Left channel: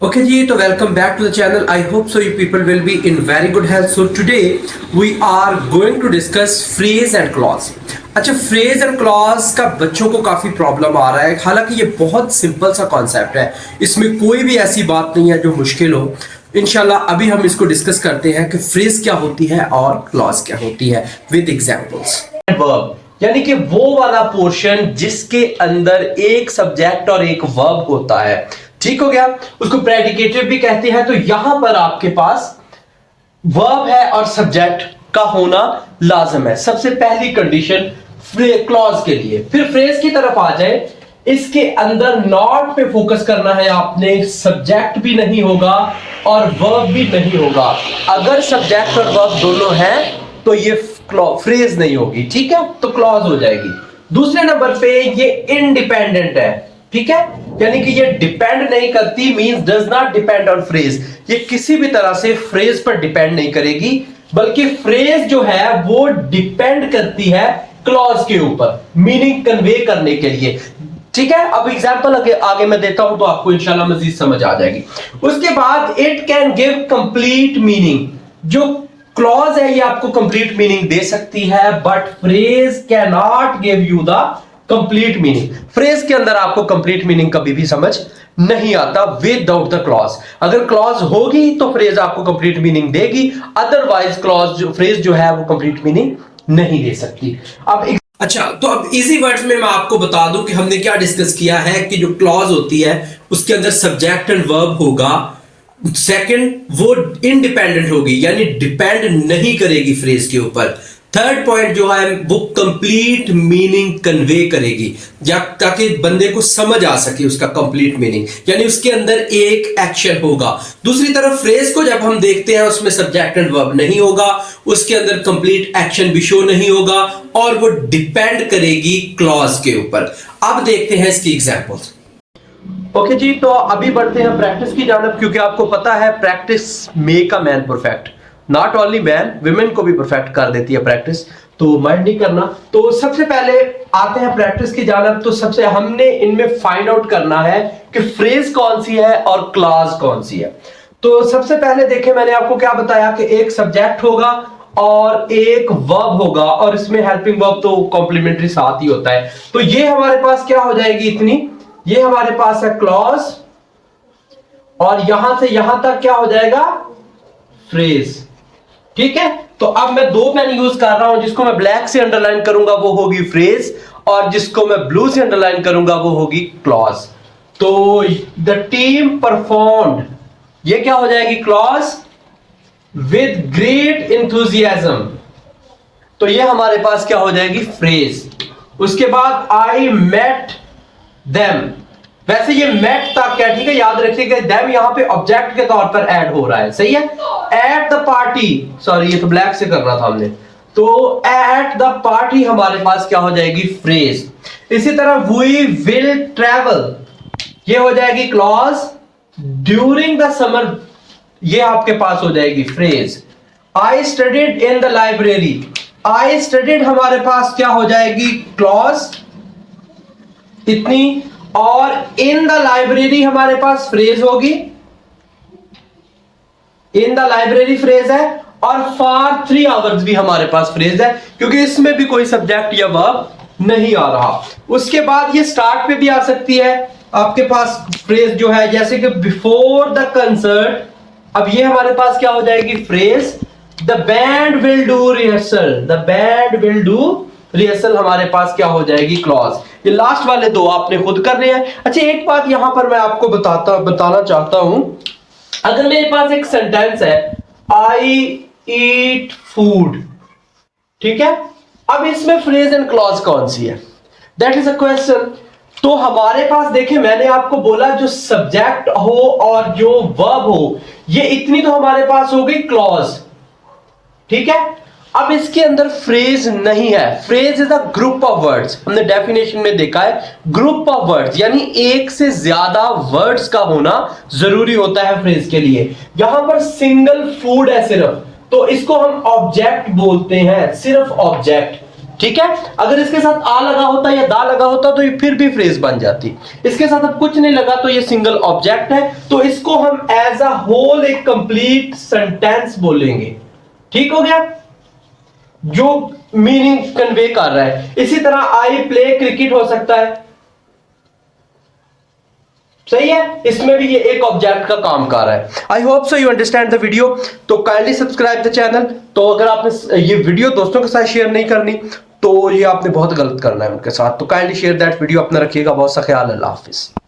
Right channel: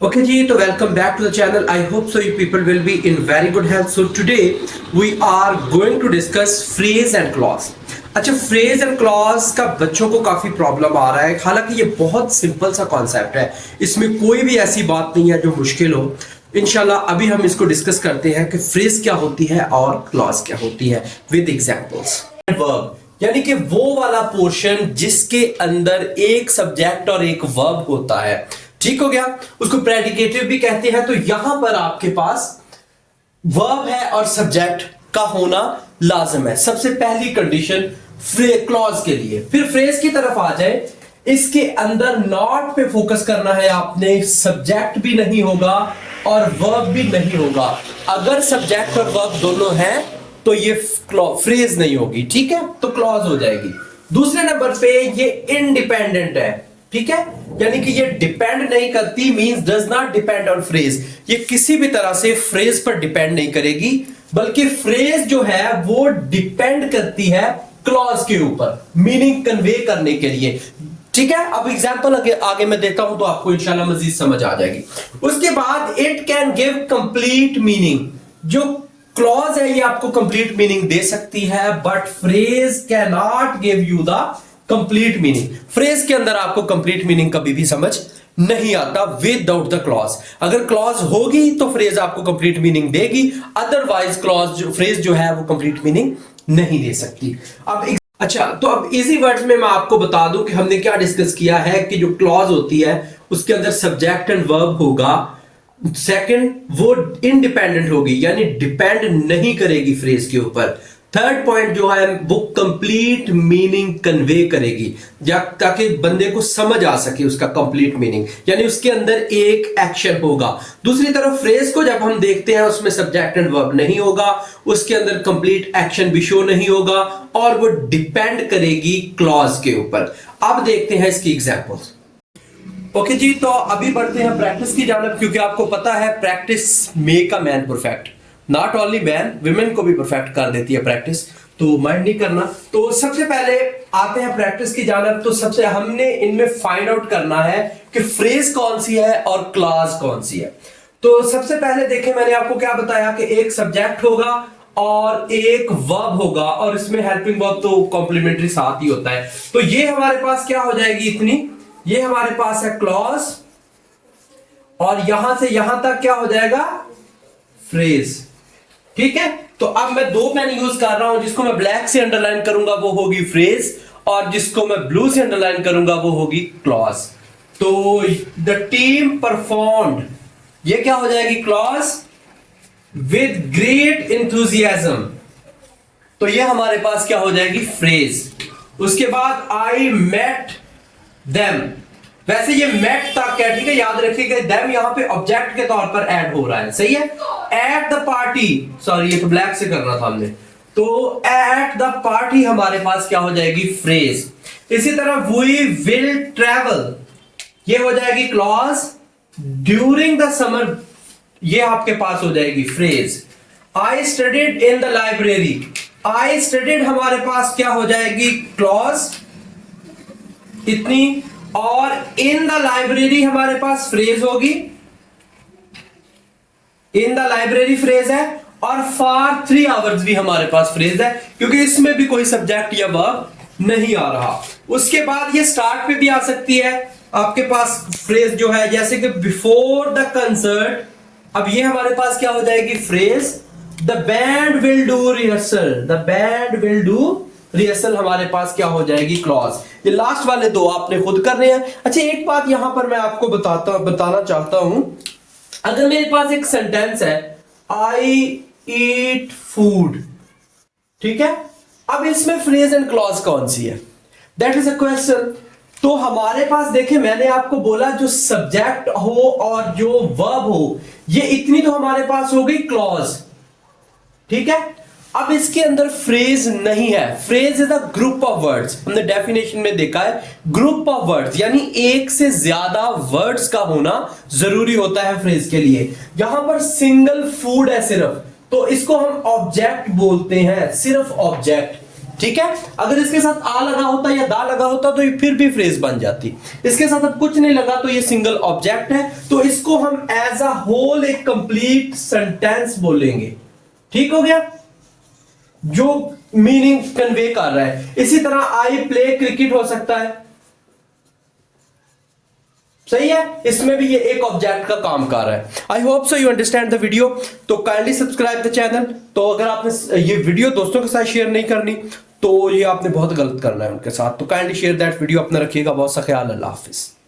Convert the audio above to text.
Okay ji, तो welcome back to the channel. I hope so you people will be in very good health. So today we are going to discuss phrase and clause. अच्छा, phrase and clause का बच्चों को काफ़ी problem आ रहा है। हालांकि ये बहुत सिंपल सा कॉन्सेप्ट है, इसमें कोई भी ऐसी बात नहीं है जो मुश्किल हो। इंशाल्लाह अभी हम इसको डिस्कस करते हैं कि फ्रेज क्या होती है और क्लॉज क्या होती है विद एग्जांपल्स। वर्ब यानी कि वो वाला पोर्शन जिसके अंदर एक सब्जेक्ट और एक वर्ब होता है, ठीक हो गया, उसको प्रेडिकेटिव भी कहते हैं। तो यहां पर आपके पास वर्ब है और सब्जेक्ट का होना लाजम है, सबसे पहली कंडीशन क्लॉज के लिए। फिर फ्रेज की तरफ आ जाए, इसके अंदर नॉट पे फोकस करना है आपने, सब्जेक्ट भी नहीं होगा और वर्ब भी नहीं होगा। अगर सब्जेक्ट और वर्ब दोनों हैं तो ये फ्रेज नहीं होगी, ठीक है, तो क्लॉज हो जाएगी। दूसरे नंबर पे ये इंडिपेंडेंट है, ठीक है, यानी कि ये डिपेंड नहीं करती, means does not depend on phrase. ये किसी भी तरह से फ्रेज पर डिपेंड नहीं करेगी, बल्कि फ्रेज जो है वो डिपेंड करती है क्लॉज के ऊपर मीनिंग कन्वे करने के लिए, ठीक है। अब एग्जांपल आगे मैं देता हूं तो आपको इंशाल्लाह मजीद समझ आ जाएगी। उसके बाद it can give complete meaning. जो क्लॉज है ये आपको कंप्लीट मीनिंग दे सकती है, but phrase can not give you the complete meaning. Phrase के अंदर आपको कंप्लीट मीनिंग कभी भी समझ नहीं आता विदाउट द क्लॉज। अगर क्लॉज होगी तो फ्रेज आपको कंप्लीट मीनिंग देगी, अदरवाइज फ्रेज जो है वो कंप्लीट मीनिंग नहीं दे सकती। अच्छा, तो अब इजी वर्ड्स में मैं आपको बता दूं कि हमने क्या डिस्कस किया है कि जो क्लॉज होती है उसके अंदर सब्जेक्ट एंड वर्ब होगा। सेकंड, वो इंडिपेंडेंट होगी, यानी डिपेंड नहीं करेगी फ्रेज के ऊपर। थर्ड पॉइंट जो है वो कंप्लीट मीनिंग कन्वे करेगी, ताकि बंदे को समझ आ सके उसका कंप्लीट मीनिंग, यानी उसके अंदर एक एक्शन होगा। दूसरी तरफ फ्रेज को जब हम देखते हैं उसमें सब्जेक्ट एंड वर्ब नहीं होगा, उसके अंदर कंप्लीट एक्शन भी शो नहीं होगा और वो डिपेंड करेगी क्लॉज के ऊपर। अब देखते हैं इसकी एग्जांपल्स। ओके जी, तो अभी बढ़ते हैं प्रैक्टिस की जानब, क्योंकि आपको पता है practice make a man perfect. Not only man, women को भी परफेक्ट कर देती है प्रैक्टिस, तो माइंड नहीं करना। तो सबसे पहले आते हैं प्रैक्टिस की जानब। तो सबसे हमने इनमें फाइंड आउट करना है कि फ्रेज कौन सी है और क्लॉज कौन सी है। तो सबसे पहले देखें, मैंने आपको क्या बताया कि एक सब्जेक्ट होगा और एक वर्ब होगा, और इसमें हेल्पिंग वर्ब तो कॉम्प्लीमेंट्री साथ ही होता है। तो ये हमारे पास क्या हो जाएगी इतनी, ये हमारे पास है क्लॉज, और यहां से यहां तक क्या हो जाएगा फ्रेज, ठीक है। तो अब मैं दो पेन यूज कर रहा हूं, जिसको मैं ब्लैक से अंडरलाइन करूंगा वो होगी फ्रेज, और जिसको मैं ब्लू से अंडरलाइन करूंगा वो होगी क्लॉज। तो द टीम परफॉर्म्ड, ये क्या हो जाएगी क्लॉज, विद ग्रेट इंथुजियाज्म, तो ये हमारे पास क्या हो जाएगी फ्रेज। उसके बाद आई मेट देम, वैसे ये मेट तक है, ठीक है, याद रखिएगा देम यहां पे ऑब्जेक्ट के तौर पर ऐड हो रहा है, सही है। एट द पार्टी, सॉरी ये तो ब्लैक से कर रहा था हमने, तो एट द पार्टी हमारे पास क्या हो जाएगी फ्रेज। इसी तरह वी विल ट्रेवल, ये हो जाएगी क्लॉज। ड्यूरिंग द समर, ये आपके पास हो जाएगी phrase. I studied in the library, I studied हमारे पास क्या हो जाएगी क्लॉज इतनी, और इन द लाइब्रेरी हमारे पास फ्रेज होगी, इन द लाइब्रेरी फ्रेज है, और फॉर 3 आवर्स भी हमारे पास फ्रेज है, क्योंकि इसमें भी कोई सब्जेक्ट या वर्ब नहीं आ रहा। उसके बाद ये स्टार्ट पे भी आ सकती है आपके पास फ्रेज जो है, जैसे कि बिफोर द कंसर्ट, अब ये हमारे पास क्या हो जाएगी phrase. The band will do rehearsal, the band will do rehearsal हमारे पास क्या हो जाएगी क्लॉज। ये लास्ट वाले दो आपने खुद करने हैं। अच्छा, एक बात यहां पर मैं आपको बताना चाहता हूं, अगर मेरे पास एक सेंटेंस है आई ईट फूड, ठीक है, अब इसमें फ्रेज एंड क्लॉज कौन सी है, दैट इज अ क्वेश्चन। तो हमारे पास देखिए, मैंने आपको बोला जो सब्जेक्ट हो और जो वर्ब हो, ये इतनी तो हमारे पास होगी क्लॉज, ठीक है। अब इसके अंदर फ्रेज नहीं है। Phrase is a group of words, हमने डेफिनेशन में देखा है ग्रुप ऑफ वर्ड्स, यानी एक से ज्यादा वर्ड्स का होना जरूरी होता है फ्रेज के लिए। यहां पर सिंगल फूड है सिर्फ, तो इसको हम ऑब्जेक्ट बोलते हैं, सिर्फ ऑब्जेक्ट, ठीक है। अगर इसके साथ आ लगा होता या दा लगा होता तो ये फिर भी फ्रेज बन जाती। इसके साथ अब कुछ नहीं लगा तो ये सिंगल ऑब्जेक्ट है, तो इसको हम एज अ होल एक कंप्लीट सेंटेंस बोलेंगे। ठीक हो गया, जो मीनिंग कन्वे कर रहा है। इसी तरह आई प्ले क्रिकेट हो सकता है, सही है, इसमें भी ये एक ऑब्जेक्ट का काम कर रहा है। I hope so you understand the video. तो काइंडली सब्सक्राइब द चैनल। तो अगर आपने ये वीडियो दोस्तों के साथ शेयर नहीं करनी तो ये आपने बहुत गलत करना है उनके साथ। तो काइंडली शेयर दैट वीडियो। अपना रखिएगा बहुत सा ख्याल। अल्लाह हाफिज।